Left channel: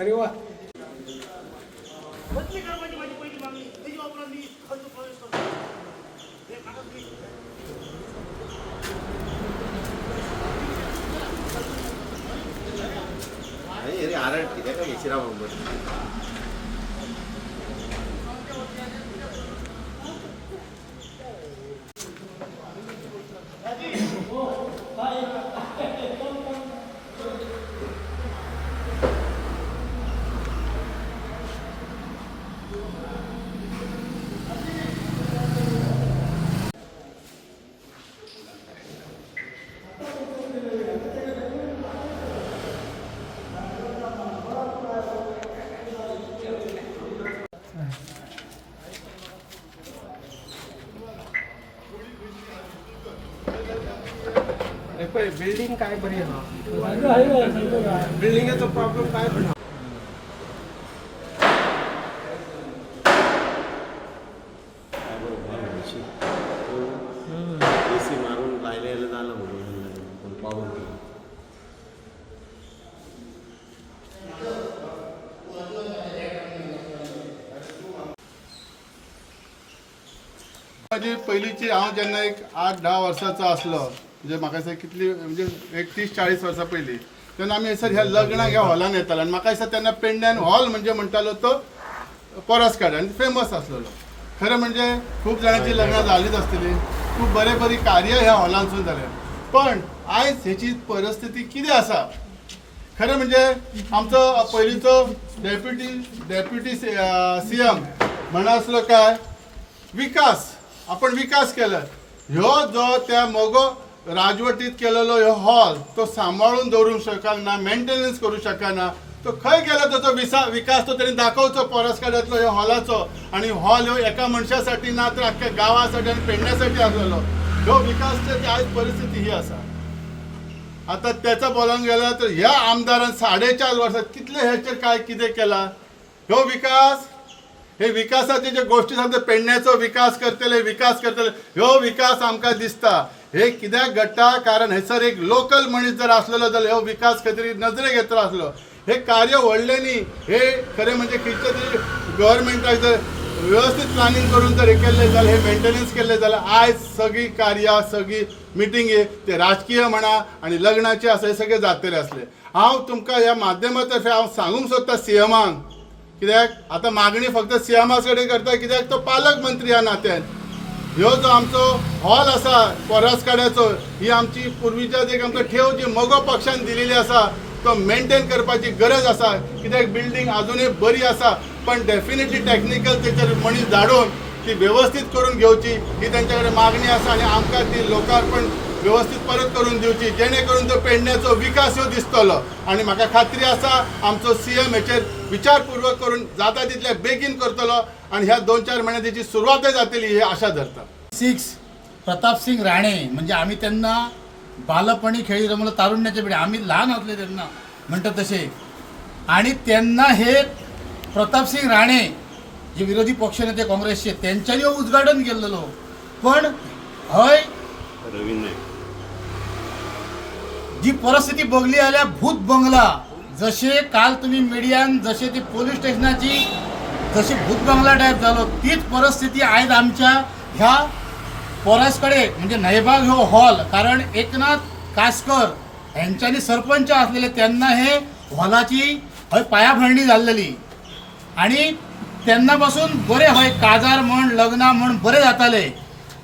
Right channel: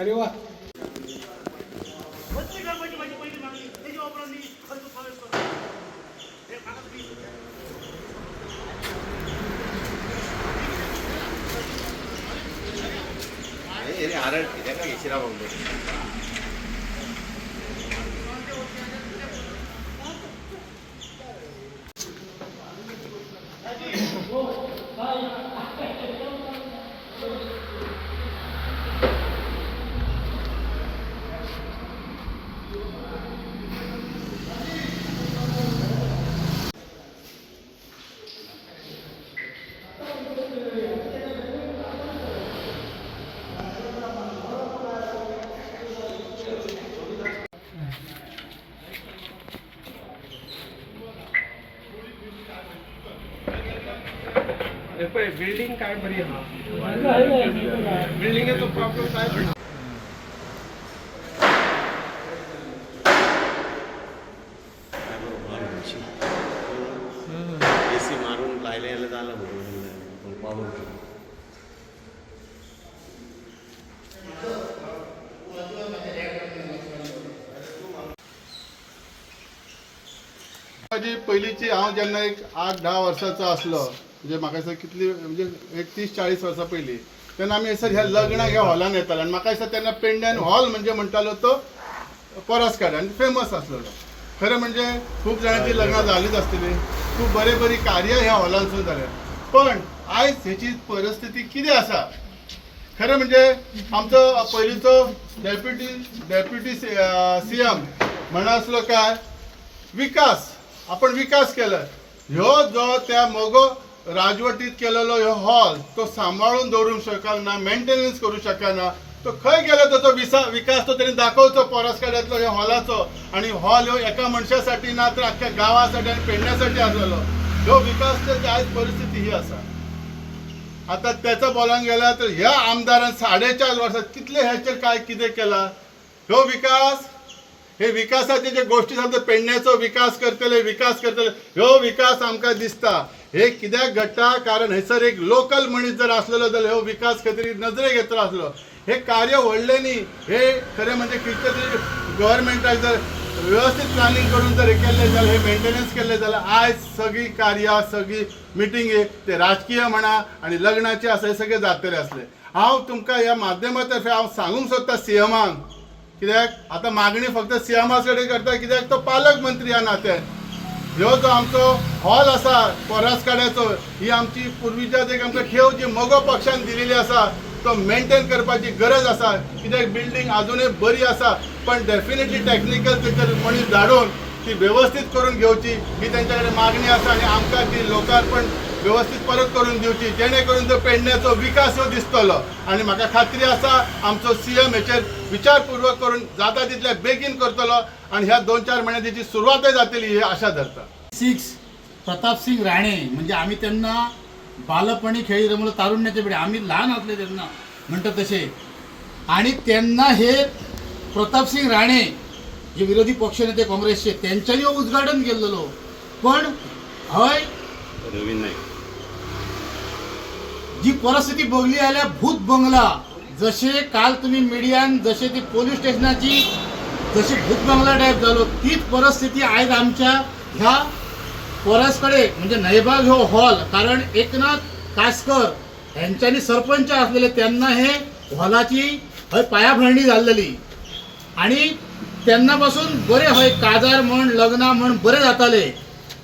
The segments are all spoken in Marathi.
अरे वा बिल्डिंग काय बरी बिल्डिंगचा प्रॉब्लेम काय पण मारून राहिलेलं झालं म्हणून माझी पहिलीची हांव जेन्ना एक 8-10 वर्साचो आसलो म्हणजे म्हाका दिसता कितली म्हणजे एक 30-40 वर्सां पयलीं तेन्ना आमी हयसर ह्या लग्नाक ह्या हॉलान येताले आनी म्हाका दिसता तेन्ना पेडण्यान हॉल म्हणजे म्हणटालो तो परस्कार आनी फेमस आसलेलो. खरें म्हणजे खूब जाणांची लग्नां जालीच आसतलीं, खूब बरी कार्य ह्या हॉलानसून जाल्या. पण आयज हेची परिस्थिती कितें आसा? खरें म्हणजे आमचो पयलींचो डेप्युटी CM म्हणा आसलो काय विकास, आपण विकास केला. ह्यो जो त्या मोगो राजवटीत केलेलो ह्यो हॉल तो सांबाळून दवरूंक शकना, मेंटेनन्स करूंक शकना. तो खंय गेलो ताचो विकास तो तेणी दाखोवचो परस्कारांतलो ह्या हॉलाचो. आणि हॉल ह्यो एका मनशासाठी ना तर अख्ख्या गावासाठी आनी पेडण्यासाठी आसलेलो. ह्यो विकासाची आयज परिस्थिती ही आसा. आता त्याचं बोलांक गेल्यार तर ह्या आमदारान 4.5 वर्सां कितले हेचेर काय कितें केला. ह्यो विकास हे विकासाचे जे गोष्टी सांगतात पेडण्याचो विकास करतले ह्यो विकास आमकां दिसता हे कित्याक घडटा कारण हयसर एक लोकल मनीस जर आसलेलो जाल्यार ह्यो विकास खंय नजरेक येतलो आसलो. हे कार्य व्हडलें न्ही, हे खरें म्हणजे खंयच्या तरी गव्हर्मेंटाक जर व्यवस्थित प्लॅनिंग करून जर हे केल्लें जाल्यार हे मेंटेनन्स केल्लें जाल्यार आयज सगळी कार्यां सगळी मिटिंगे ते राजकीय म्हणा आनी लग्नाचे आसा हे सगळे जातले आसले. हांव तुमकां ह्या माध्यमातर्फे हांव सांगूंक सोदता CMाक कित्याक आतां मागणी फक्त CMा कडेन करता कित्याक तो पालक मंत्री ह्या नात्यान. ह्यो जो आमचो हॉल आसा परसकाड्याचो ही आमची पुर्विच्याच एक आमकां ठेव जी मोगो पक्षान दिलेली आसा तो मेंटेन करपाची गरज आसा. कित्याक बिल्डींग अजुनूय बरी आसा पण डेफिनेटली टेक्निकल तेचेर मनीस धाडून ती व्यवस्थित करून घेवची ही तेंच्या कडेन मागणी आसा. आनी आमकां ती लोकार्पण व्यवस्थित परत करून दिवची जेणे करून तो पेडण्याचो विकास ह्यो दिसतलो. आनी म्हाका खात्री आसा आमचो CM हेचेर विचारपूर्वक करून जाता तितले बेगीन करतलो आणि ह्या 2-4 महिन्यात त्याची सुरुवातच जातली ही आशा धरता. 6 प्रतापसिंग राणे म्हणजे आम्ही त्यांना बालपणी खेळी रमलो तारुण्याच्या पिढी आम्ही लहान असले त्यांना म्हणतात तसे. आणि त्यांना हे प्रतापसिंग राणे जे विरोधी पक्षनेते काँग्रेसचे त्यांच्यानी उद्घाटन केलेलो. पण हय रवीन नाईक जी परिस्थिती बघली आल्या भूत बंगला जसे काल तुम्ही मीडियान जसे ती पोलीस स्टेशनाची जशी भूत बंगला टाईप झालो तीच परिस्थिती आज आमच्या ह्या परसकडे म्हणजे नयबाग ह्यो हॉल. कारण एकनाथ कासकर यांच्यानी सरपंच असलेले त्यांना हे हॉलाची हय पायाभरणी झालेली आणि त्यांनापासून बरे हय काजार म्हण लग्ना म्हण बरे जाताले.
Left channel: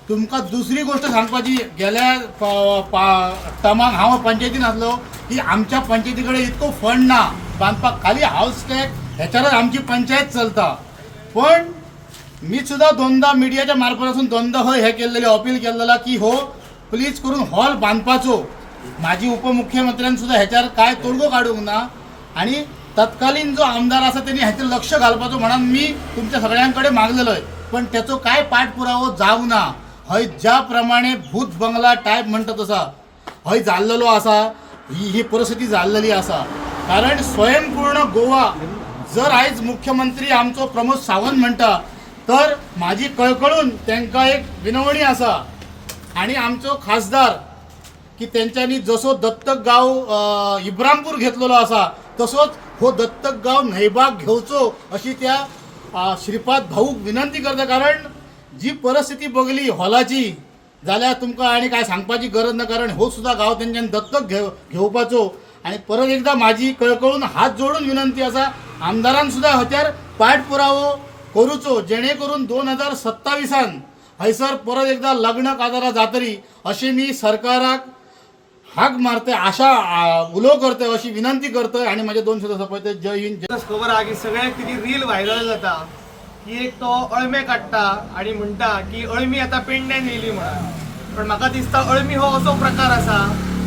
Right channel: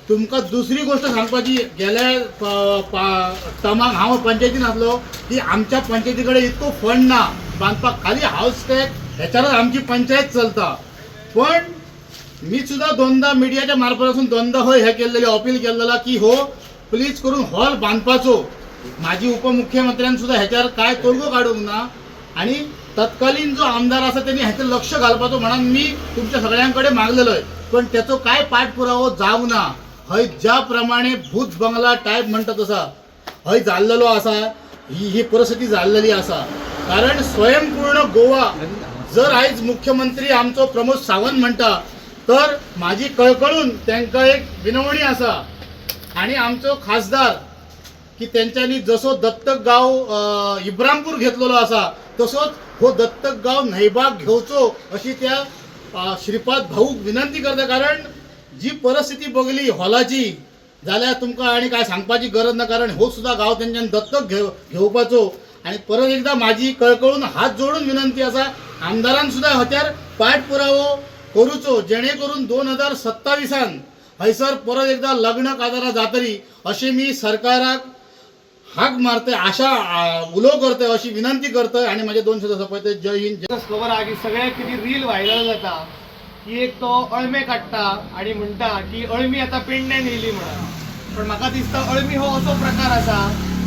तुमकां दुसरी गोष्ट सांगपाची गेल्या टमाक हांव पंचायतीन आसलो की आमच्या पंचायतीकडे इतकं फंड ना बांधपाक, खाली हाऊस टॅक ह्याच्यावर आमची पंचायत चलता. पण मी सुद्धा दोनदा मीडियाच्या मार्फतातून दोनदा हे केलेले अपील केलेला की हो प्लीज करून हॉल बांधपाचो. माझी उपमुख्यमंत्र्यांनी सुद्धा ह्याच्यावर काय तोडगो काढूंक ना आणि तत्कालीन जो आमदार असा त्यांनी ह्याचं लक्ष घालपाचो म्हणून मी तुमच्या सगळ्यांकडे मागलेलो आहे. पण त्याचो काय पाठपुरावो जाऊ ना. हय ज्याप्रमाणे भूत बंगला टाईप म्हणतात तसा हय जाल्लेलो असा, ही परिस्थिती जाल्लेली असा. कारण स्वयंपूर्ण गोवा जर आयज मुख्यमंत्री आमचो प्रमोद सावंत म्हणटा तर माझी कळकळून त्यांका एक विनवणी असा. आणि आमचो खासदार की त्यांच्यानी जसो दत्तक गाव इब्रामपूर घेतलेलो असा तसोच हो दत्तक गाव नैबाग घेवचो अशी त्या श्रीपाद भाऊक विनंती करता. कारण जी परिस्थिती बघली हॉलाची जाल्यार तुमकां आनी काय सांगपाची गरज ना. कारण हो सुद्धा गाव त्यांच्यानी दत्तक घेवपाचो. आणि परत एकदा माझी कळकळून हात जोडून विनंती असा आमदारांनी सुद्धा हत्यार पाठपुरावो करूचो जेणेकरून 2027 हयसर परत एकदा लग्न काजारा जातरी अशी मी सरकाराक हाक मारते, आशा उलो करते, अशी विनंती करते. आणि माझे 2 शब्द सोपयते. जय हिंद. खबर आहा की सगळ्याक किती रील व्हायरल जाता की एक तो अळमे काडटा आणि म्हणटा की अळमी आता पेडण्यान येयली म्हणून. पण म्हाका दिसता अळमी हो असो प्रकार आसा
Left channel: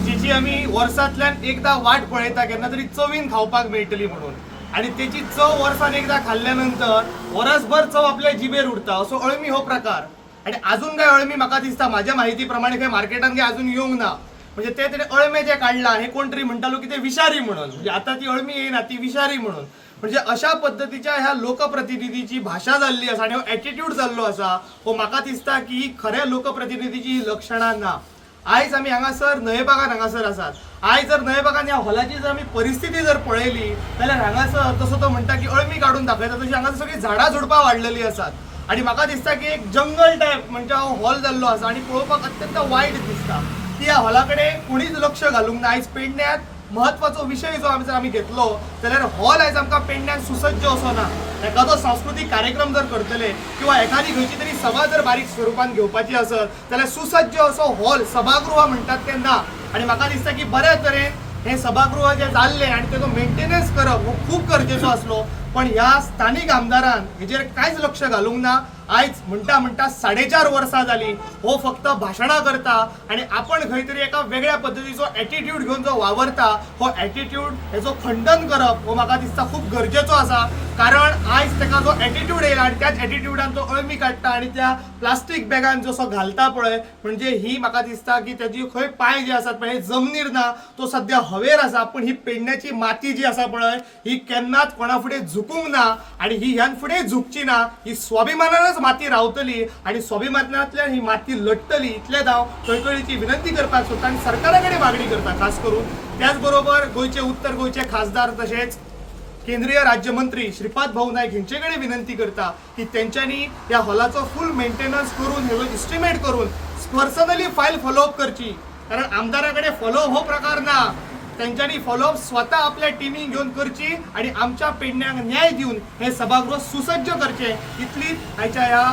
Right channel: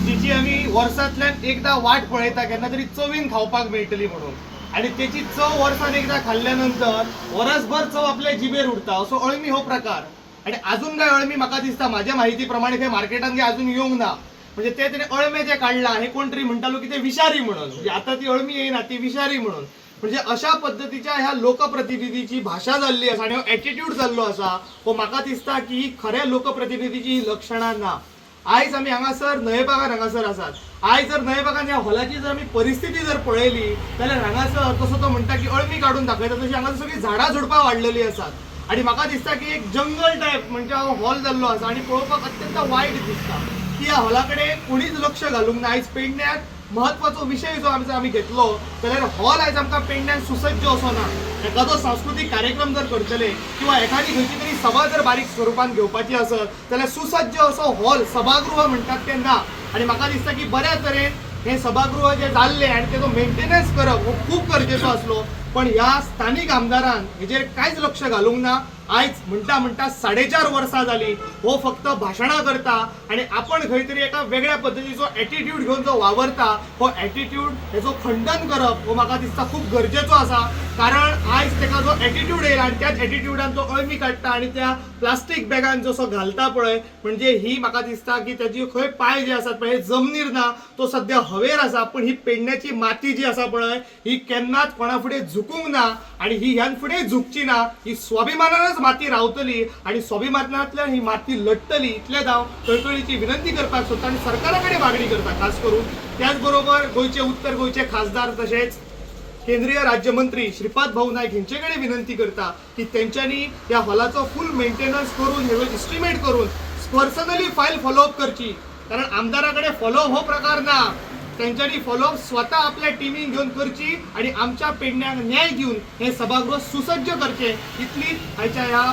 जिची आमी वर्सांतल्यान एकदा वाट पळयता केन्ना तरी चवीन खावपाक मेळटली म्हणून. आणि त्याची चव वर्सान एकदा खाल्ल्या नंतर वर्सभर चव आपल्या जिबेर उरता. असो अळमी हो प्रकार. आणि अजून काय अळमी म्हाका दिसता माझ्या माहिती प्रमाणे काही मार्केटात काय अजून येवंक ना. म्हणजे ते अळमे जे काढला हे कोण तरी म्हणतालो की ते विषारी म्हणून. म्हणजे आता ती अळमी येईना ती विषारी म्हणून. म्हणजे अशा पद्धतीच्या ह्या लोकप्रतिनिधीची भाषा जाल्ली आसा आणि हो एटिट्यूड जाल्लो आसा हो म्हाका दिसता की ही खऱ्या लोकप्रतिनिधीची ही लक्षणां ना. आयज आमी हांगासर नयेबागान हांगासर आसात. आयज जर नयेबागान ह्या हॉलाची जर आमी परिस्थिती जर पळयली जाल्यार हांगासर तसो तो म्हणटा की अळमी काढून दाखयता तशी हांगासर सगळी झाडां झुडपां वाडलेली आसात. आणि म्हाका दिसता की एक जंगल टायप म्हणजे हो हॉल जाल्लो आसा आणि पळोवपाक अत्यंत वायट दिसता की ह्या हॉलाकडे कोणीच लक्ष घालूंक ना. आयज पेडण्यात महत्वाचो विषय जो आमी घेतलो जाल्यार हॉल आयज आमकां पेडण्यात सुसज्ज असो ना. एखादो सांस्कृतिक कार्यक्रम जर करतले किंवा एखादी खंयची तरी सभा जर बारीक स्वरुपान घेवपाची आसत जाल्यार सुसज्ज असो हॉल सभागृह म्हणटात ते ना. आणि म्हाका दिसता की बऱ्या तरेन हे सभागृह जे जाल्ले आणि तेजो मेंटेनन्स करप हो खूप गरजेचो आसलो. पण ह्या स्थानिक आमदारान हेजेर कांयच लक्ष घालूंक ना. आयज म्हणटा 4.5 वर्सां जाली हो फक्त भाशणां करता आणि आपण खंय तरी एका वेगळ्या पद्धतीचो एटिट्यूड घेवन जो वावरता हो एटिट्यूड हेजो खंडन करप हो म्हाका दिसता खूप गरजेचो आसा. कारण आयज तेका जो एटिट्यूड येयला आणि त्याच एटिट्यूडान तो अळमी काडटा आणि त्या प्लास्टीक बॅगान जसो घालता पळय म्हणजे ही म्हाका दिसता की त्याची खंय पाय जे आसात पळय हे जमनीर ना तो सध्या हवेर आसा. पण ही पेडण्याची माती जी आसा पळय ही केन्नाच कोणा फुडें झुकूंक ना आणि ही ह्यान फुडें झुकची ना. ही स्वाभिमानानच माती रावतली आणि स्वाभिमानांतल्यान ही माती लडटली. इतलेच हांव कळकळीची विनंती करपाक सोदता आणि सरकारा कडेन मागणी करता खास करून. त्याच बरोबर गोंयचे उत्तर गोंयचे खासदार तशेंच केंद्रीय राज्यमंत्री श्रीपाद भाऊ नायक हेंचे कडेन विनंती करता की तेंच्यांनी ह्या हॉलाचो फुल मेंटेनन्स करून हेजो इस्टिमेट करून पर्सनली फायल फॉलोअप करची. कारण आमदारा कडेन फॉलोअप हो प्रकार ना. त्यांच्यानी फॉलोअप स्वतः आपल्या टीमीन घेऊन करची आणि आमच्या पेडण्यांक न्याय देऊन हे सभागृह सुसज्ज करचे इतली आयच्या ह्या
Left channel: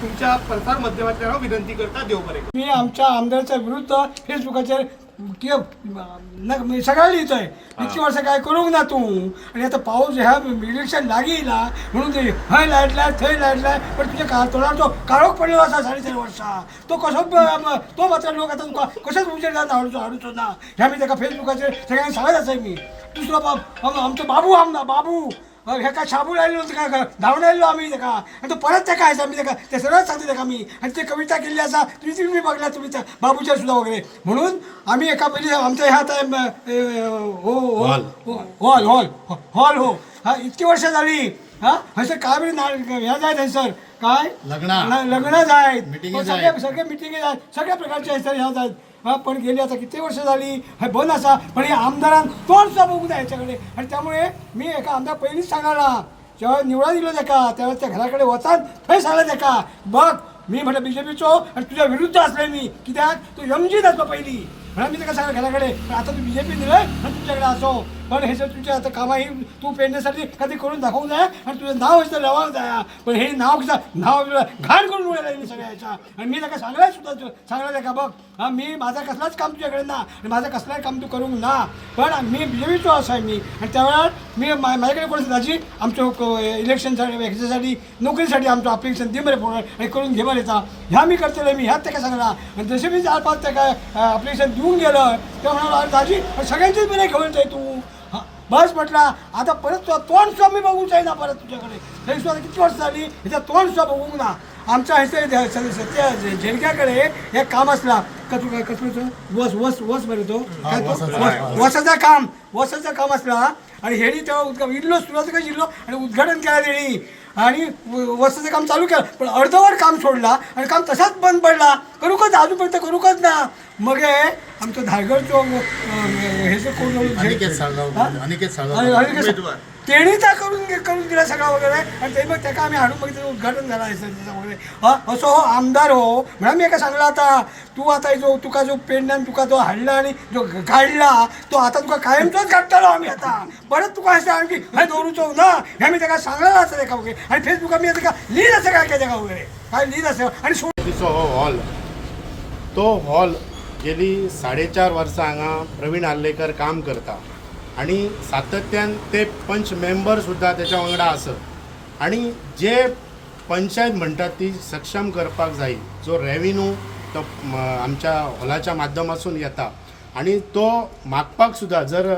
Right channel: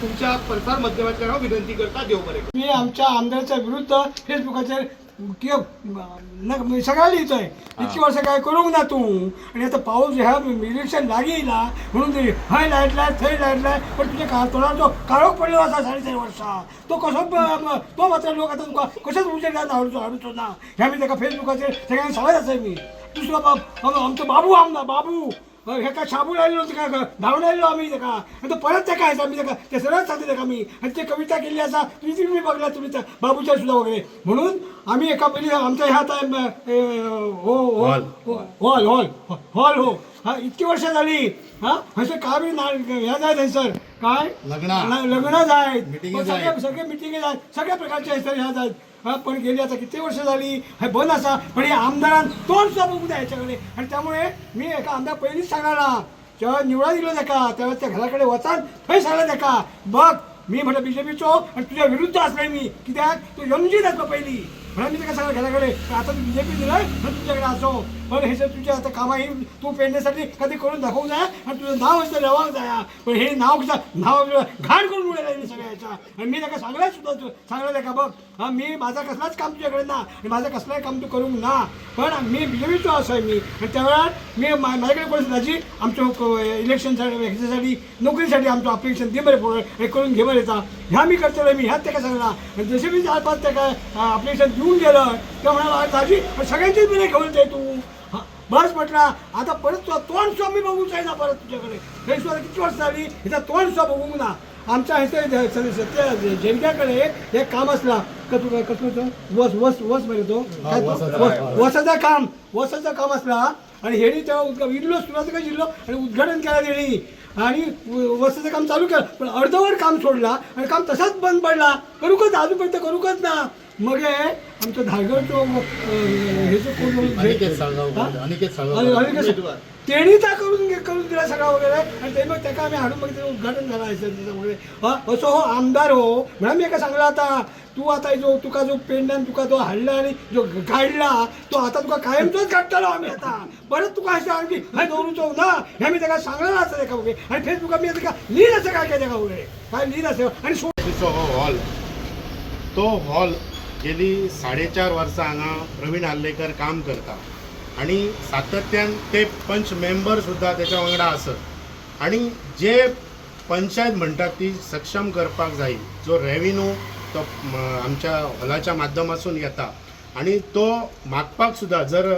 तुमच्या प्रसार माध्यमातल्यान हांव विनंती करता. देव बरें. मी आमच्या आमदाराच्या विरुद्ध फेसबुकाचेर सगळ्यांना लिहितोय इतकी वर्ष काय करूंक ना तू. आणि आता पाऊस ह्या इलेक्शन लागीं येयला म्हणून ते हय लायटलाय थंय लायटलाय पण तुझ्या तोंडार तो काळोख पडलेलो आसा 4.5 वर्सां. तो कसो तो मात्र लोक आता तुका कशेंच उजेड जाता हाडूचो ना. ह्या मी ताका फेसबुकाचेर सगळ्यांक सांगत आसाय मी. दुसरो आमचो बाबू आमदार बाबू हेका शाबूल आयलो तेका धांवन आयलो आमी तेका आनी तो परत तेका आयसा आमी तेका ते सरळ सांगता तेका आमी. आनी ते कविता केल्ली आसा तुमी बघल्या तुमी त्या बाबूचेर सुद्दां वगैरे. म्हणून आमी एका पयली आमच्या ह्या टायम हॉल हॉल हॉल हो हा इतकी वर्सां जाली हा हयसर काय बी ह्या जाय थंयसर काय लग्न जाय सगळे मिटिंगे जाय सगळ्या प्रकारचे हयसर ह्या जाय. पण गेली आता किती वर्ष झाली हे बंद असा. पण हे आमदारान तोंड सुद्धा बघू द्या ह्याच्याकडे. आणि त्यामुळे मी एका आमदार पहिलीच सांगायला जेव्हा निवडा दिलो त्याका तेव्हा त्या घराकडे वचान थंय सांगला त्याका बघ मी म्हटलं बीजेपीचो आणि तुझ्या विरुद्ध असलोय मी कित्याक तू एमजीत असलो पहिली म्हणून मी त्याका सांगला घराकडे आता तू बीजेपी दिलंय म्हणून तुझ्याकडे असो. पण हे सर तुझ्या आता कामा ही तू पेडण्यासाठी कधी करून दाखवू जाय आणि तुझं नाव असतं रवाव जाया पण हे नाव घाण करून उडे लागली सगळ्याच्या आणि मी त्याला सांगलाय सुद्धा सांगला का बघ हा मी माझा कसलाच काम तुझ्याकडे ना आणि माझं कसलाही काम तू करू ना पण मी BJPचो असं आहे मी आणि त्यावेळेला मी माझ्याकडे कोण राजी आमचं इलेक्शनसाठी ह्याच्यासाठी नोकरीसाठी आमचं अप्लिकेशन दे बरे पोरं आणि करून घे बरं येता ह्या मी करतलो मी ह्याच त्या काय सांगला आणि जसे मी 4-5 त्या काय अप्लिकेशन देऊन गेलं तेव्हा म्हणाला दाजी सगळ्यांचीच बिले घेऊन जाय तू हां बस म्हटला आता परत तोंड सुद्धा मी बघूच आहे ना परत तुझ्याकडे हे सुद्धा किती वर्ष झाली इथं तोंड सुद्धा बघू ना आमच्या ह्याचे झेडक्याकडे एक काम असला का तू काय कसलं वस बरे तो काय तो वसाचं काम असला आणि हेडी तेव्हा इल्लो सुरुवात काय जिल्लो आणि उद्घाटन केला तेणी आणि वसाचं काम चालू केलं पण अर्धवट काम सोडला आणि काम तसाच बंद पडला करूकच अजूनपर्यंत करूकच ना मग हे आमचं धारगडचो हेचं कोण अनिकेत साळगाव तेणी त्या करून दिला सगळा वगैरे आणि ते मग त्याका आम्ही हाडून मग त्याचं उद्घाटन झालं आहे सर त्याचं वगैरे हां असो हो आमदार हो म्हणा मी एका सांगला आता तू आता तुका जो पेंडान तुका तो हाडला आणि जो काढला तो आता तुका कायमचोच काडटलो आम्ही आता परत तुका असं आणखी हय दवरूचो ना हे मी त्याला सांगला असं त्याका वगैरे आणि फेसबुकात मी त्याका लिहित असं काय त्याका वगैरे काय लिहित असं आणि हो हॉल तो हॉल गेली 4.5 वर्सां हांगा प्रवीण आल्लेकर काम करता आणि सातत्यान ते पंच मेंबर सुद्धा त्याच्या वांगडा आसत आणि जे पंचायत म्हणटा ती सक्षम करपाक जाय जो रेव्हेन्यू तो आमच्या हॉलाच्या माध्यमातून येता आणि तो मागपाक सुद्धा जर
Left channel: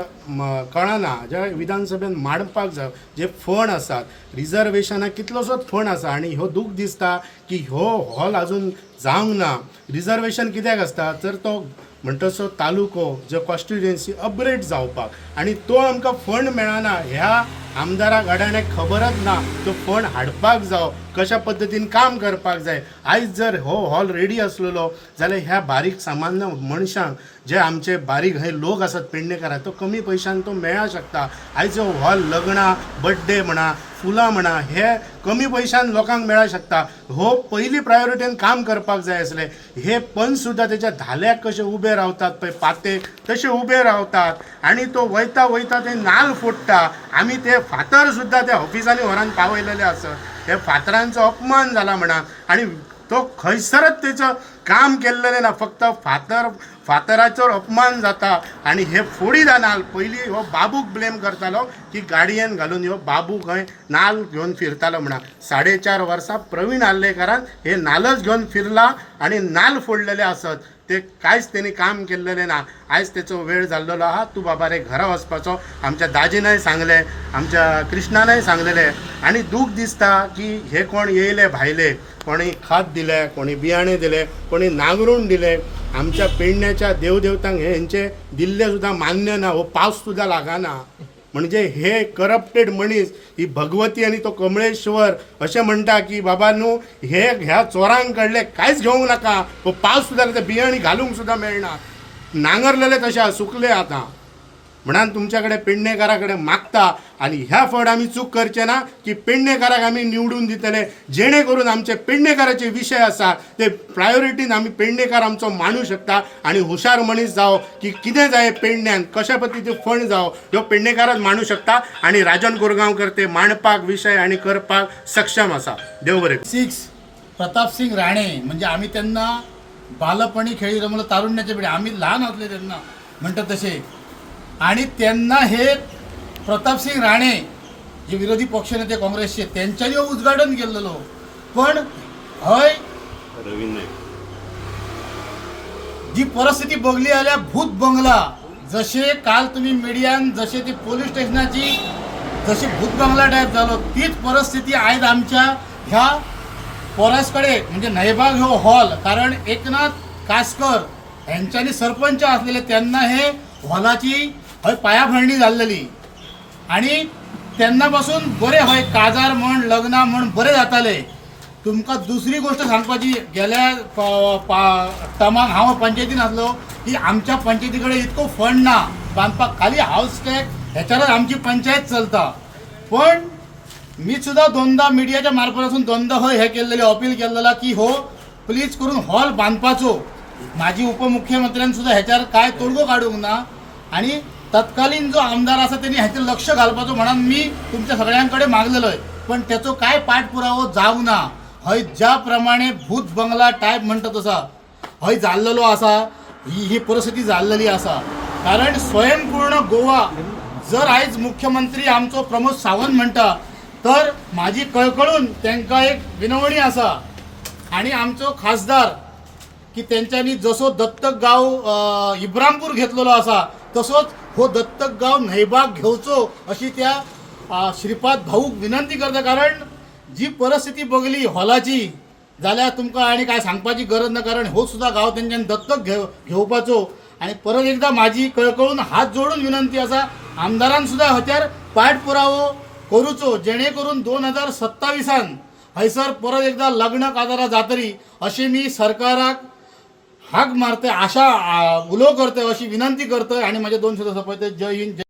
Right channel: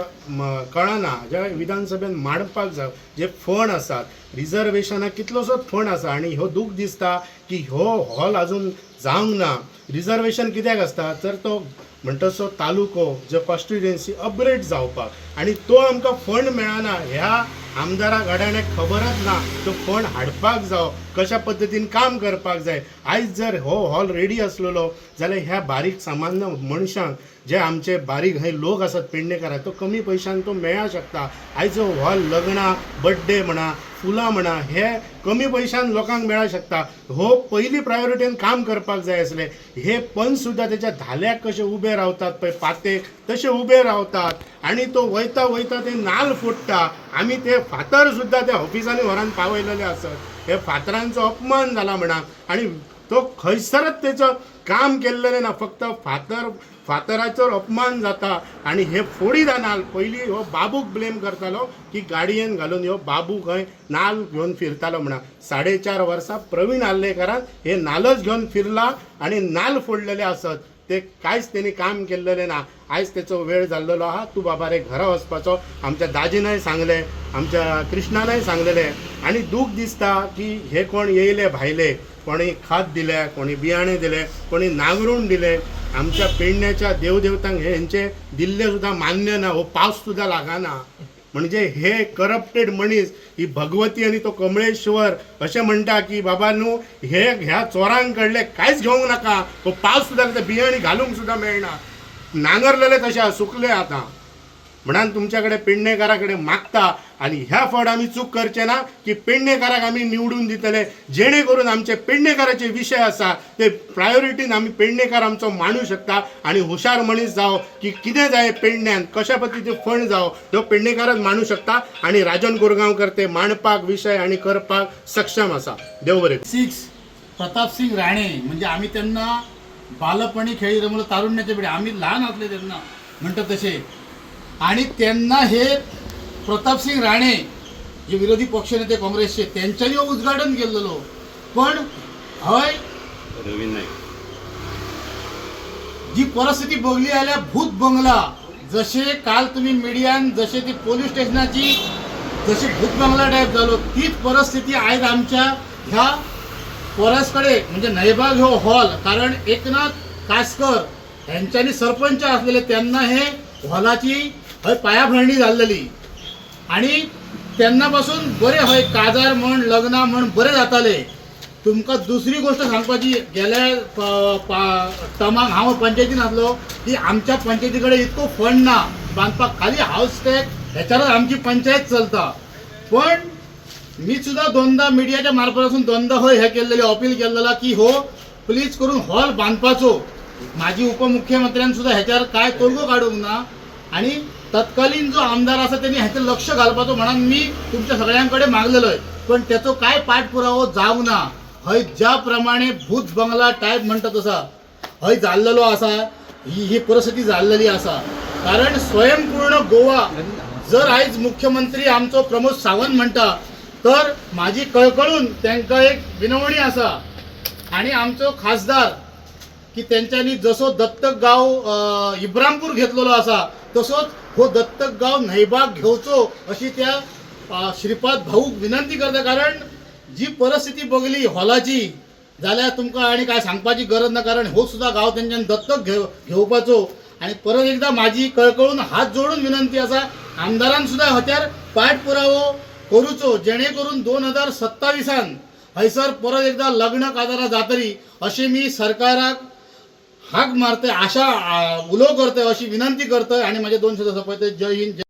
कळना जे विधानसभेन मांडपाक जाय जे फंड आसात रिजर्वेशनाक कितलोसोच फंड आसा आणि ह्यो दूख दिसता की हो हॉल अजून जावंक ना रिजर्वेशन कित्याक आसता तर तो म्हणटसो तालुको जो कॉन्स्टिट्युएन्सी अपग्रेड जावपाक आणि तो आमकां फंड मेळना ह्या आमदारा गाड्याक खबरच ना तो फंड हाडपाक जावं कशा पद्दतीन काम करपाक जाय आयज जर हो हॉल रेडी आसलेलो जाल्यार ह्या बारीक सामान्य मनशांक जे आमचे बारीक हे लोक आसात पेडणेकारां तो कमी पयशांक तो मेळा शकता आयज हो हॉल लग्नां बर्थडे म्हणा फुलां म्हणा हे कमी पयशांक लोकांक मेळा शकता हो पयली प्रायोरिटीन काम करपाक जाय आसलें हे पंच सुद्धा त्याच्या धाल्याक कशे उबे रावतात पळय पाते तसे उबे रावतात आणि तो वयता ते नाल फोडटा आमी ते फातर सुद्धा त्या ऑफिसांनी व्हरान पावयलेले आसत हे फातरांचो अपमान जाला म्हणा आणि तो खंयसरच त्याचं काम केल्लेलें ना फक्त फातराचो अपमान जाता आणि हे फोडी नाल पयलीं हो बाबूक ब्लेम करतालो की गाडयेन घालून ह्यो बाबू खंय नाल घेवन फिरतालो म्हणा 4.5 वर्सां प्रवीण आल्लेकरान हे नालच घेवन फिरला आणि नाल फोडलेले आसत ते कांयच तेणी काम केल्लेलें ना आयज तेचो वेळ जाल्लेलो आहा तूं बाबा रे घरा वचपाचो आमच्या दाजीनय सांगलें आमच्या कृष्णानय सांगलेलें आणि दूख दिसता की हे कोण येयले भायले कोणी खत दिले कोणी बियाणे दिले कोणी नांगरून दिले आमच्या पेडण्याच्या देवदेवतांक हेंचे दिल्ले सुद्धा मान्य ना हो पावस सुद्धा लागना म्हणजे हे करप्टेड मनीस ही भगवती आणि तो कमळेश्वर असे म्हणटा की बाबा न्हू हे ह्या चोरांक कडले कांयच घेवंक नाका हो पावस सुद्धा ते बियाणी घालूंक सुद्धा मेळना नांगरलेले तशे सुकले आता म्हणून तुमच्याकडे पेडणेकारा कडेन मागता आणि ह्या फावट आमी चूक करचे ना की पेडणेकाराक आमी निवडून दितले जेणे करून आमचे पेडणेकाराचे विषय आसा ते प्रायोरिटीन आमी पेडणेकार आमचो मांडू शकता आणि हुशार मनीस जावं की कितें जाय पेडण्यान कशा पद्दतीचे फंड जावं ह्यो पेडणेकारच मांडू शकता आणि राजन कोरगांवकर ते मांडपाक विषय आणि करपाक सक्षम आसा देव बरें 6 प्रताप सिंग राणे म्हणजे आम्ही त्यांना बालपणी खेळी रमलो तारुण्याच्या पिढी आम्ही लहान असले त्यांना म्हणतात तसे आणि त्यांना हे प्रतापसिंग राणे जे विरोधी पक्षनेते काँग्रेसचे त्यांच्यानी उद्घाटन केलेलो पण हय रवीन नाईक जी परिस्थिती बघली आल्या भूत बंगला जसे काल तुम्ही मीडियान जसे ती पोलीस स्टेशनाची जशी भूत बंगला टाईप झालो तीच परिस्थिती आयज आमच्या ह्या पोरासकडे म्हणजे नयबाग हो हॉल कारण एकनाथ कासकर यांच्यानी सरपंच असलेले त्यांना हे हॉलाची हय पायाभरणी झालेली आणि त्यांनापासून बरे हय काजार म्हण लग्ना म्हण बरे जाताले तुमकां दुसरी गोष्ट सांगपाची गेल्या टमाक हांव पंचायतीन आसलो की आमच्या पंचायतीकडे इतको फंड ना बांदपाक खाली हाऊस टॅक्स ह्याच्यावर आमची पंचायत चलता पण मी सुद्धा दोनदा मीडियाच्या मार्फतासून दोनदा हय हे केलेले अपील केलेला की हो प्लीज करून हॉल बांदपाचो माझी उपमुख्यमंत्र्यान सुद्धा ह्याच्यावर काय तोडगो काढूंक ना आणि तत्कालीन जो आमदार असा त्यांनी ह्याचं लक्ष घालपाचो म्हणून मी तुमच्या सगळ्यांकडे मागलेलो आहे, पण त्याचो काय पाठपुरावो जाऊ ना. हय ज्या प्रमाणे भूत बंगला टाईप म्हणटा तसा हय जाल्लेलो असा, ही परिस्थिती जाल्लेली असा. कारण स्वयंपूर्ण गोवा जर आयज मुख्यमंत्री आमचो प्रमोद सावंत म्हणटा तर माझी कळकळून त्यांका एक विनवणी असा. आणि आमचो खासदार की त्यांच्यानी जसो दत्तक गाव इब्रामपूर घेतलेलो असा तसोच हो दत्तक गाव नैबाग घेवचो अशी त्या श्रीपाद भाऊक विनंती करता. कारण जी परिस्थिती बघली हॉलाची जाल्यार तुमकां आनी काय सांगपाची गरज ना. कारण हो सुद्धा गाव त्यांच्यानी दत्तक घेवपाचो. आणि परत एकदा माझी कळकळून हात जोडून विनंती असा आमदारान सुद्धा हत्यार पाठपुरावो करूचो जेणे करून 2027 हयसर परत एकदा लग्न काजारा जातरी अशी मी सरकाराक हाक मारते, आशा उलो करते, अशी विनंती करते. आणि माझे 2 शब्द सोपयते. जय हिंद.